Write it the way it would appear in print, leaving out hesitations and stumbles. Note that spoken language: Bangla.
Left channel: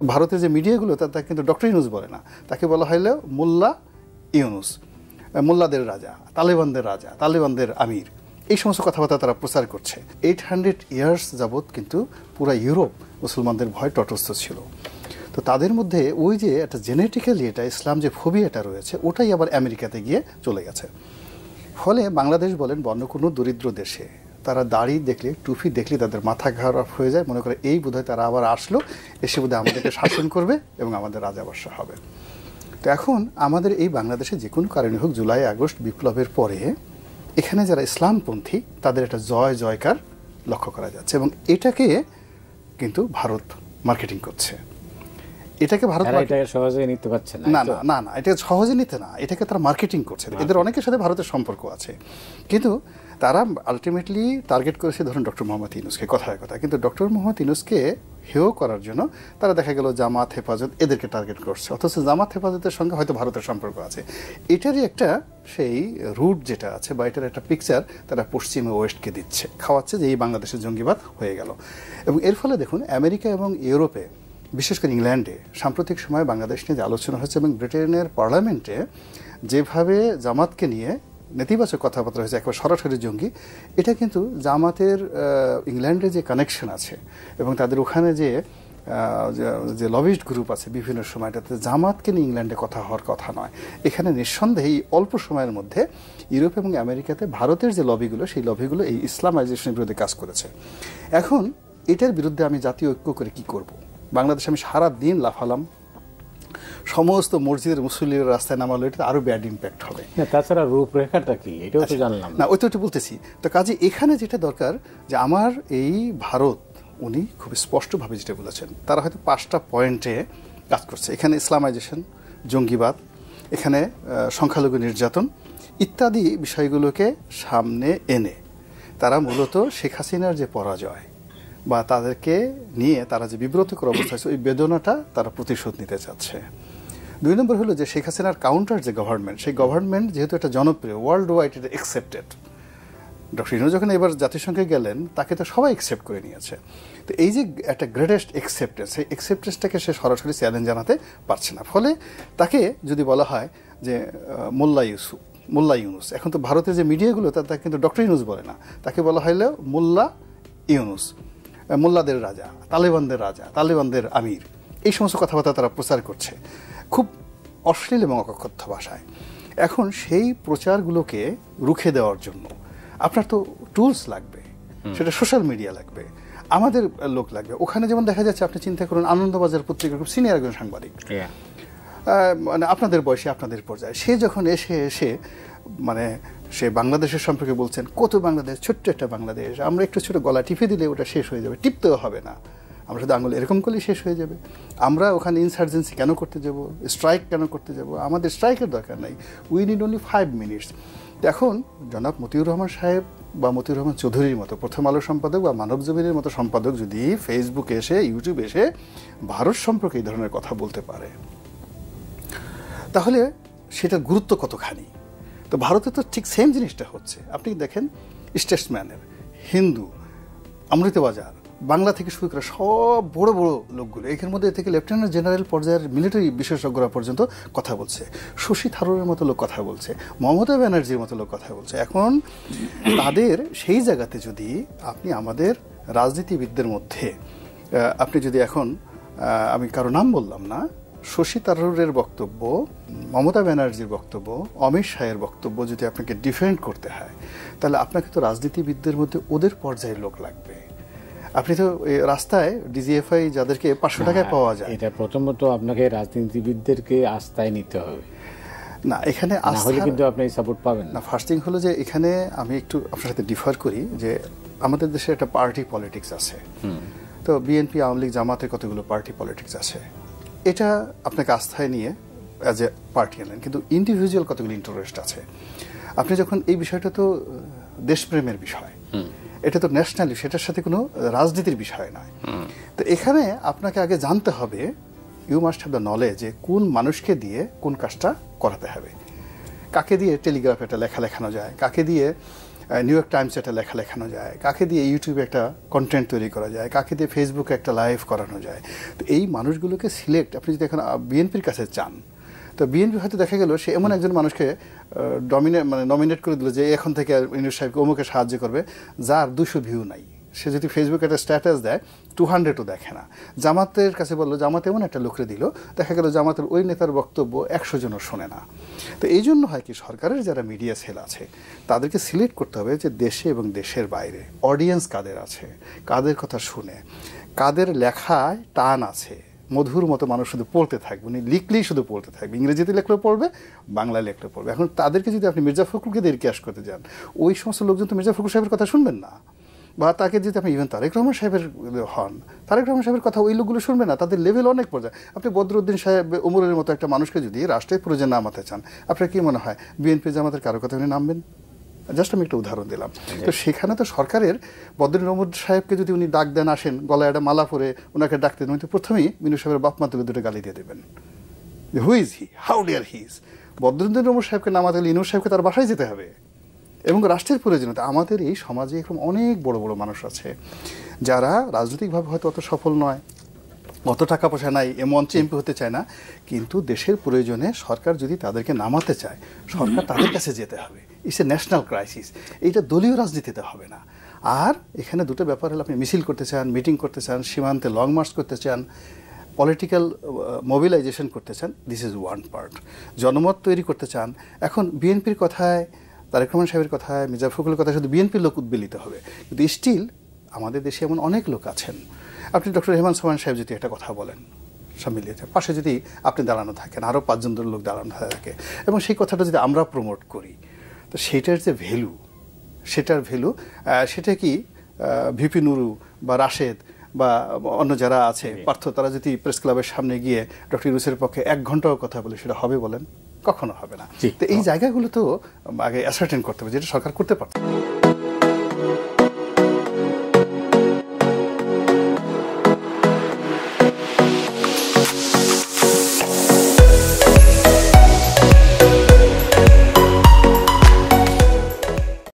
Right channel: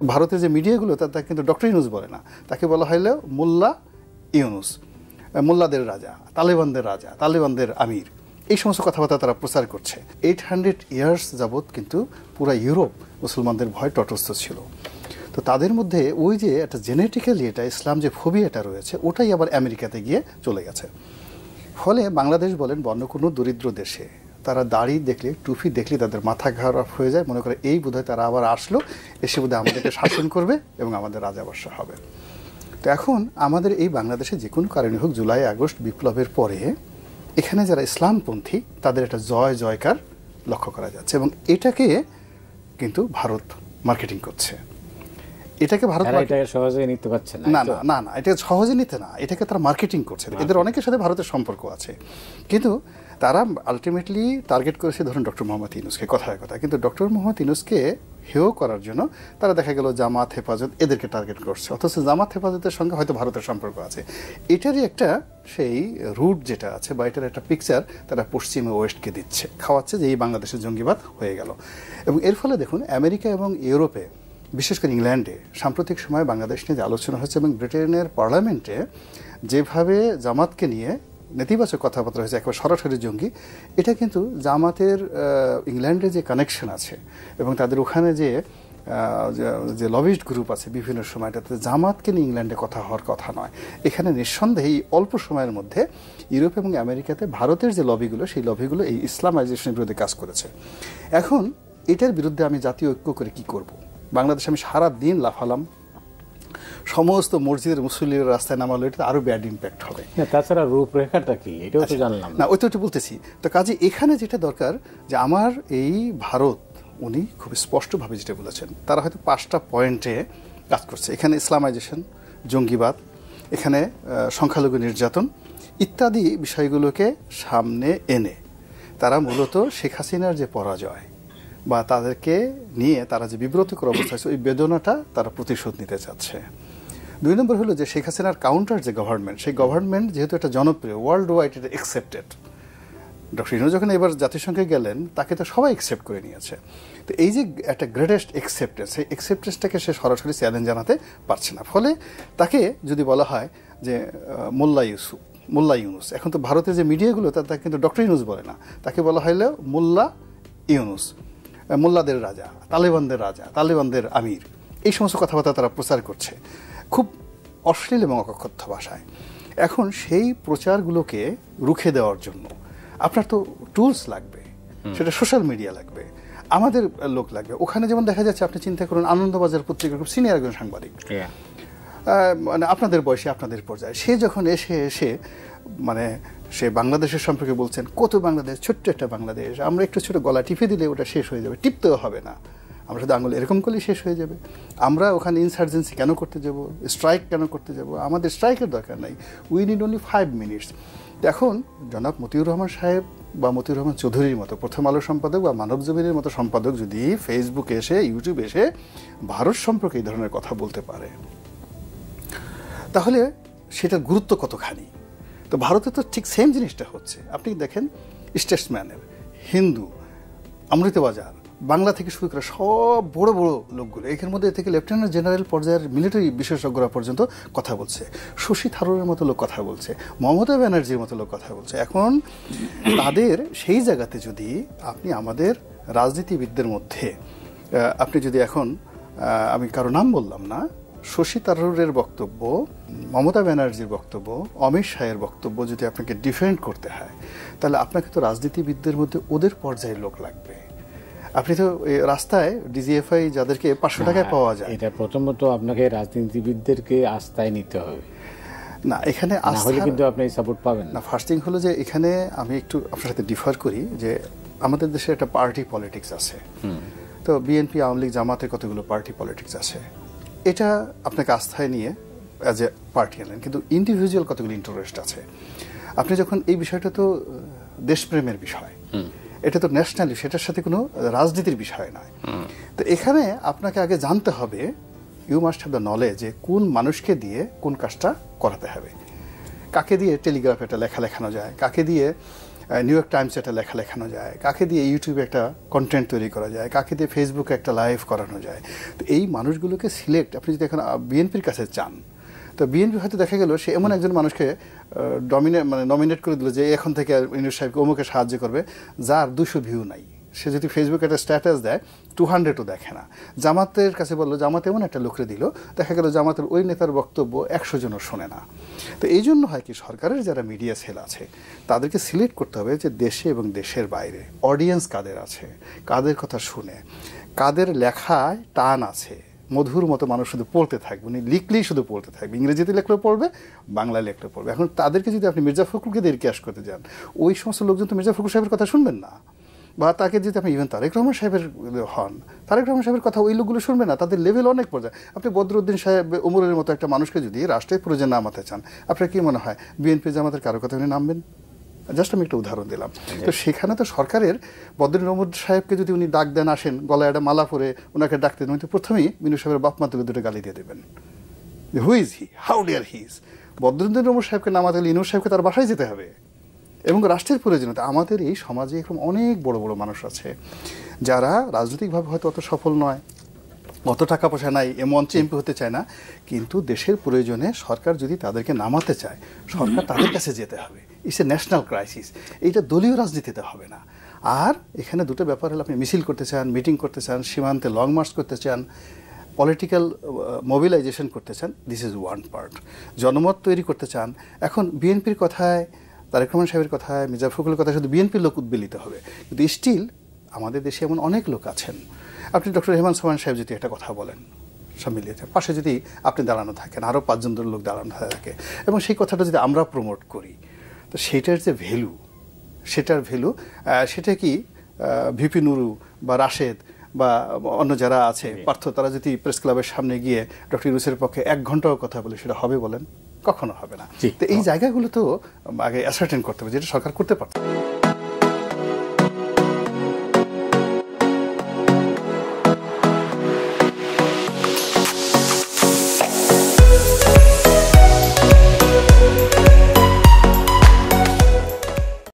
ভারতের যে মিডিয়াগুলো তাকে কিন্তু ডক্টর ইউনূস বলে না, তাকে বলা হলো মোল্লা ইউনূস, মোল্লাদের রাজা, তালেবানদের রাজা, তালেবানদের আমির, এই সমস্ত কথাবার্তা তারা প্রচার করছে। 800 ইয়ার্স যাবৎ কিন্তু পুরা ইউরোপ মুসলমানদের ভয় তটস্থ ছিল। তো তাদের মধ্যে ওই যে একটা জেনেটিক্যালি এটা ইসলাম যে ফোবিয়াটা রয়েছে ওটাই আবার আমেরিকাতে গিয়ে চলে গেছে। ফলে বাংলাদেশ বলেন অন্য কোনো দরিদ্র দেশে তারা দাড়ি দেখলে, টুপি দেখলে তাদের মাথা খারাপ হয়ে যায়, মনে করে এই বোধহয় তারা আবার আসলো, এসে বোধহয় আমাদেরকে শাসন করবে এবং আমাদের রাজাবর্ষা হবে। তো এখন আমাদের এই বাংলাদেশে যে কোনো কারণে হোক জুলাই আগস্ট বিপ্লবের পরে এখানে যারা ইসলামপন্থী তাদের একটা জয় জয়কার লক্ষ্য করা যাচ্ছে এবং এটাকে কিন্তু ভারত মার্কেটিং করছে। এটাকে ভারত সহজে নিতে পারছে না, না না না, এটা সহজে নিতে না, এটাকে তারা মার্কেটিং করছে। এদের অনেকের সাথে ভারতের সম্পর্ক আছে, কিন্তু তারা আলটিমেটলি টার্গেট করেছে ধরুন ডক্টর মোহাম্মদ ইউনূসকে, কথায় কথা। কিন্তু ডক্টর মোহাম্মদ ইউনূসকে হেয় করার জন্য তারা দেখা গেল জামাত হেফাজত এদেরকে টার্গেট করছে, অথচ জামাত হেফাজতের সঙ্গে হয়তো ভারতের সম্পর্ক আছে। এটারই একটা সেই রুট যেটা আছে বা এটার একটা পিকচার তারা পশ্চিমে ওয়েস্টকে দিচ্ছে, খাওয়াচ্ছে যে এই বাংলাদেশের জঙ্গিবাদ হয়ে গেল। এবং এর ফলে দেখুন আমেরিকা এবং ইউরোপে, বিশেষ করে ইংল্যান্ডে সাম্প্রতিক সময় বাংলাদেশ নিয়ে যে আলোচনা হচ্ছে এবং ব্রিটেনের পার্লামেন্টে যেভাবে জামাতকে নিয়ে নেতিবাচক কথাবার্তা হয়েছে, একেবারে সরাসরি জঙ্গি, এটা কিন্তু জামাতের ইংল্যান্ডে যে কানেকশন আছে এবং তাদের ওখানে যে লবিস্ট গ্রুপ আছে বিভিন্ন সময়টাতে জামাতকে নিয়ে ইংল্যান্ডে কথা হওয়ার কথা নয়। এখানে নিঃসন্দেহে এই অল্প সময়ের মধ্যে ইউরোপ এবং আমেরিকাতে ভারতের যে লবিগুলো সেই লবিগুলো এই ইসলামাইজেশনের বিরুদ্ধে কাজ করেছে। এখন এটার বিরুদ্ধে আমি জাতীয় ঐক্য করে কি করব? বাংলাদেশে আমি সারাদিন লাফালাম, সমস্ত মসজিদের মুসলিমের রাস্তা বলতেছি। তো কাজে এখানে যেটা দরকার যে আমার এই ভারত উনি খুব স্পষ্টভাবে যেটা বলেছেন, তারা হয়তো 5টা পয়েন্টে কাজ করছে। এখানে ইসলামাইজেশন, জঙ্গিবাদ, এখানে সংখ্যালঘু নির্যাতন ইত্যাদি বিষয়গুলোকে সামনে এনে তারা মূলত শেখ হাসিনার যে পরাজয় বা তাদেরকে নিয়ে তারা যে বিব্রতকর অবস্থা আছে ওই বেদনাটা তারা প্রতিশোধ নিতে চাচ্ছে। 2 নম্বর হলো যে শেখ হাসিনার কাউন্টার যে গভর্নমেন্ট, সেই গভর্নমেন্ট যেহেতু একটা জনপ্রিয়, ওয়ার্ল্ড ওয়াইড এটা অ্যাকসেপ্টেড। ডক্টর ইউনূস যখন এবার জাতিসংঘে গেলেন তাকে তো সবাই অ্যাকসেপ্ট করে নিয়েছে। তো এই যে একটা গ্রেটেস্ট অ্যাকসেপ্টেন্স, সেই অ্যাকসেপ্টেন্সটাকে সে সরাসরি চ্যালেঞ্জ জানাতে পারছে না। ফলে তাকে যদি বলা হয় যে মোল্লা ইউনূস, এখন তো ভারতের যে মিডিয়াগুলো তাকে কিন্তু ডক্টর ইউনূস বলে না, তাকে বলা হলো মোল্লা ইউনূস, মোল্লাদের রাজা, তালেবানদের রাজা, তালেবানদের আমির, এই সমস্ত কথাবার্তা তারা প্রচার করছে খুব অশ্লীল এবং অকথ্য ভাষায়। এখন সেই প্রচারগুলোকে রুখে দেওয়ার জন্য আপনার তো টুলস লাগবে, সেটা সোশ্যাল মিডিয়া লাগবে, আমাদের লোক লাগবে। ওখানে যেমন দেখা যাচ্ছে, আপনি চিন্তা করুন আনন্দবাজার পত্রিকার খুব সিনিয়র একজন সাংবাদিক, মানে আপনাদের বয়সে আপনাদের পর্যায়ে, সে যখন এসে মানে সে বাংলাদেশের সম্পর্কে বলছেন, কত বাংলাদেশ, ছোট্ট একটা বাংলাদেশ, আমরা একটু ছোট গলা টিপে দিলে ওটা শেষ হয়ে যাবে, টিপতেও হবে না, আমরা শুধু আঙুল এরকম করলেই শেষ হয়ে যাবে। আমরা ওখানে ইনসার্জেন্সি কেন করতে যাব, স্ট্রাইক কেন করতে যাব, আমাদের স্ট্রাইকের দরকার নাই, উই নিড অনলি 5 মিনিটস। এখন জনাব মতিউর রহমান সাহেব বা মতিউর রহমান চৌধুরীর মতো প্রথম আলো সম্পাদক বা মানব জমিনের মতো সম্পাদক যদি ফেসবুকে এসে, ইউটিউবে এসে ভারত সম্পর্কে এই ধরনের কথা বলতে পারে, তাহলে সেটার গুরুত্ব কতখানি। তো ভারতে তো ঠিক সেম জিনিসটা হচ্ছে। আপনি দেখেন স্টেটসম্যান, হিন্দু, অমৃতবাজার, বাংলা থেকে শুরু করে সব বড় বড় লোকগুলো, এর মধ্যে থেকে লেফটেন্যান্ট জেনারেল পর্যায়ের মিলিটারি বিশেষজ্ঞরা পর্যন্ত কথা বলছে, শশী থারুরের মতো লোক কথা বলছে, মমতা ব্যানার্জির মতো লোক কথা বলছে। এখন তাদের সেই জায়গাতে যদি আপনি আমাদের রাজনীতিবিদদের মধ্যে আপনি যদি এখন, আমি কারো নাম বললাম না, শশী থারুরের বক্তব্য, মমতা ব্যানার্জির বক্তব্য, অমিত শাহের বক্তব্য যদি আপনাকে ডিফেন্ড করতে হয়, তাহলে আপনাকে তো রাজনীতিবিদদের মধ্যে ওদের পর্যায়ের লোক লাগবে। আপনি তো রাস্তায় ডিজিএফআই যাদেরকে 500 টাকায় পাওয়া যায়, এটা প্রথমত আপনাকে রাজনীতিবিদদেরকে আস্থায় নিতে হবে না, এখানে হলে কিন্তু আপনি সাপোর্ট পাবেন না। ফার্স্ট থিং হলো যে এখানে আমি একটু আপনার সাথে ডিফার করি যে আমাদের দেশে একটা পার্টি পলিটিক্স আছে। তো বিএনপি, আওয়ামী লীগ, জামাতের কতগুলো পার্টি পলিটিক্স আছে, এটা আপনাকে আস্থায় নিয়ে অ্যাজ এ পার্টি আনেন, কিন্তু ইন্ডিভিজুয়াল কতগুলো ইন্টারেস্ট আছে। আপনি যখন এই বিষয়টা তো দেশপ্রেমের বিষয়, এটা তো ন্যাশনালি, সেটার সাথে কোনো রাজনীতির বিষয় নয়। তো এখানে আপনাকে আগে জানতে হবে, you must have the knowledge, যে কোন মানুষকে দিয়ে কোন কাজটা করাতে হবে, কাকে দিয়ে টেলিগ্রাফে একটা লেখা লেখানো যায়, কাকে দিয়ে নিউ ইয়র্ক টাইমস একটা লেখা লেখানো যায়, কাকে দিয়ে ইউটিউবে একটা কন্টেন্ট তৈরি করা যায়, কাকে দিয়ে ফেসবুকে একটা লাইভ করানো যায়। তো এই মানুষগুলোকে সিলেক্ট আপনি যদি এখন বিএনপির কাছে চান, তা বিএনপি হয়তো দেখা গেল সে এমন একজন মানুষকে নমিনেট করে দিল যে এখন থেকে ইউনূস সাহেবকে অমুকে সাহায্য করবে, যার 200 ভিউ নাই। সে যদি ফেসবুকে একটা স্ট্যাটাস দেয় 200ও দেখে না। জামাতের কাছে বললো, জামাতে এমন একটা লোককে দিল, দেখা গেল জামাতের ওই নেতার বক্তব্য 100 জন শুনে নেয়। তো এই জন্য হয়তো সরকারের যারা মিডিয়া সেল আছে তাদেরকে সিলেক্ট করতে হবে যে দেশে এবং দেশের বাইরে অডিয়েন্স কাদের আছে, কাদের কথা শুনে, কাদের লেখায় টান আছে, মধুর মতো মানুষ শুধু পড়তে থাকবে, উনি লিখলেই শুধু পড়তে থাকবে, ইংরেজিতে লেখলেও পড়বে, বাংলা লেখলেও পড়বে। এখন তাদেরকে যদি আপনি মির্জা ফখরুলকে দিয়ে ক্যাশ করতে যান, ওই সমস্ত লোকজন তো মির্জা ফখরুল সাহেবের কথা শুনবেন না। বা তাকে যদি আপনি ইভেন তারেক রহমান সাহেবের হন, তারেক রহমান সাহেবের কথা ওই লোকগুলো শুনবে না, তাদের লেভেল অনেক পর্যায়ে। আপনি বদরুদ্দিন সাহেব উমরের মতো একটা মানুষকে যদি রাষ্ট্রের প্রয়োজনে নামাতে চান, আপনার কি মনে হয় বিএনপি জামাতের কারো কথা উনি নামবেন? জাস্ট আমি একটা উদাহরণ দিলাম। তো সেখানে তো সরকারের বদরুদ্দিন উমর সাহেবকে যদি উনি ডাক দেন, আসেন, গলায় একটা মালা পরে ওনাকে ডাকতেন, উনি তো প্রথমেই মিনু সাহেবের বাপ মা তুলে দুটো গালি দিয়ে দেবেন, who is he, how dare he is. Badruddin Umar সাহেবকে নামাতে হলে ইনূর সাহেবকে তার বাসায় যেতে হবে। এবং রাষ্ট্রের প্রয়োজনীয়তা, আমাদের এই সমাজে এখন অনেক বড় বড় মানুষ আছে যারা রাজনৈতিকভাবে হয়তো অত সফল নয়, অত টাকা পয়সা নাই, এ মঞ্চে এমপি হতে চায় না, কিন্তু দেশের প্রয়োজনে সরকার যদি তাদেরকে নামাতে চায়, সরকার তাদের কাছে যেতে হবে। It's a national crisis. এইটা দলীয় রাজনীতিতে হবে না। আর এখানে দুটো ব্যাপার হলো, আপনি মিছিল করতে চান, মিটিং করতে চান, সীমান্তে লং মার্চ করতে চান, পলিটিক্যাল মোবিলাইজেশন করতে চান, দিস ইজ ওয়ান পার্ট। জনমত তৈরি করতে চান। এখন বিএনপির কথায়, তারেক রহমান সাহেবের কথায়, মির্জা ফখরুলের কথায় শুধু বিএনপির লোক উদ্বেলিত হবে, কিন্তু স্টিল আমাদের দেশে এমন অনেক লোক আছেন। আপনি ডক্টর রেহমান সোহান সাহেব যদি একটা কথা বলেন, সব মিলিয়ে পাশে যদি আপনি দাঁড়ানো থাকেন, আরো 5 জন লোক দাঁড়ানো থাকে, এবং সেই কথাটা যদি আমরা প্রমোট করি, তো সেটার যে ভ্যালু, সেটা কি ভিপি নুরু বা রাশেদ বা অন্য যারা আছে পার্থ, তারা যদি প্রেস ক্লাবের সামনে গিয়ে ডক্টর ইউনূসের পক্ষে 1 ঘন্টাও কথা বলে, সেটা হবে বলেন? কখনো হবে না। তো এই জায়গাগুলো তো আগে অ্যাসার্টেন করতে হবে, যেটা সরকার করতে পারত।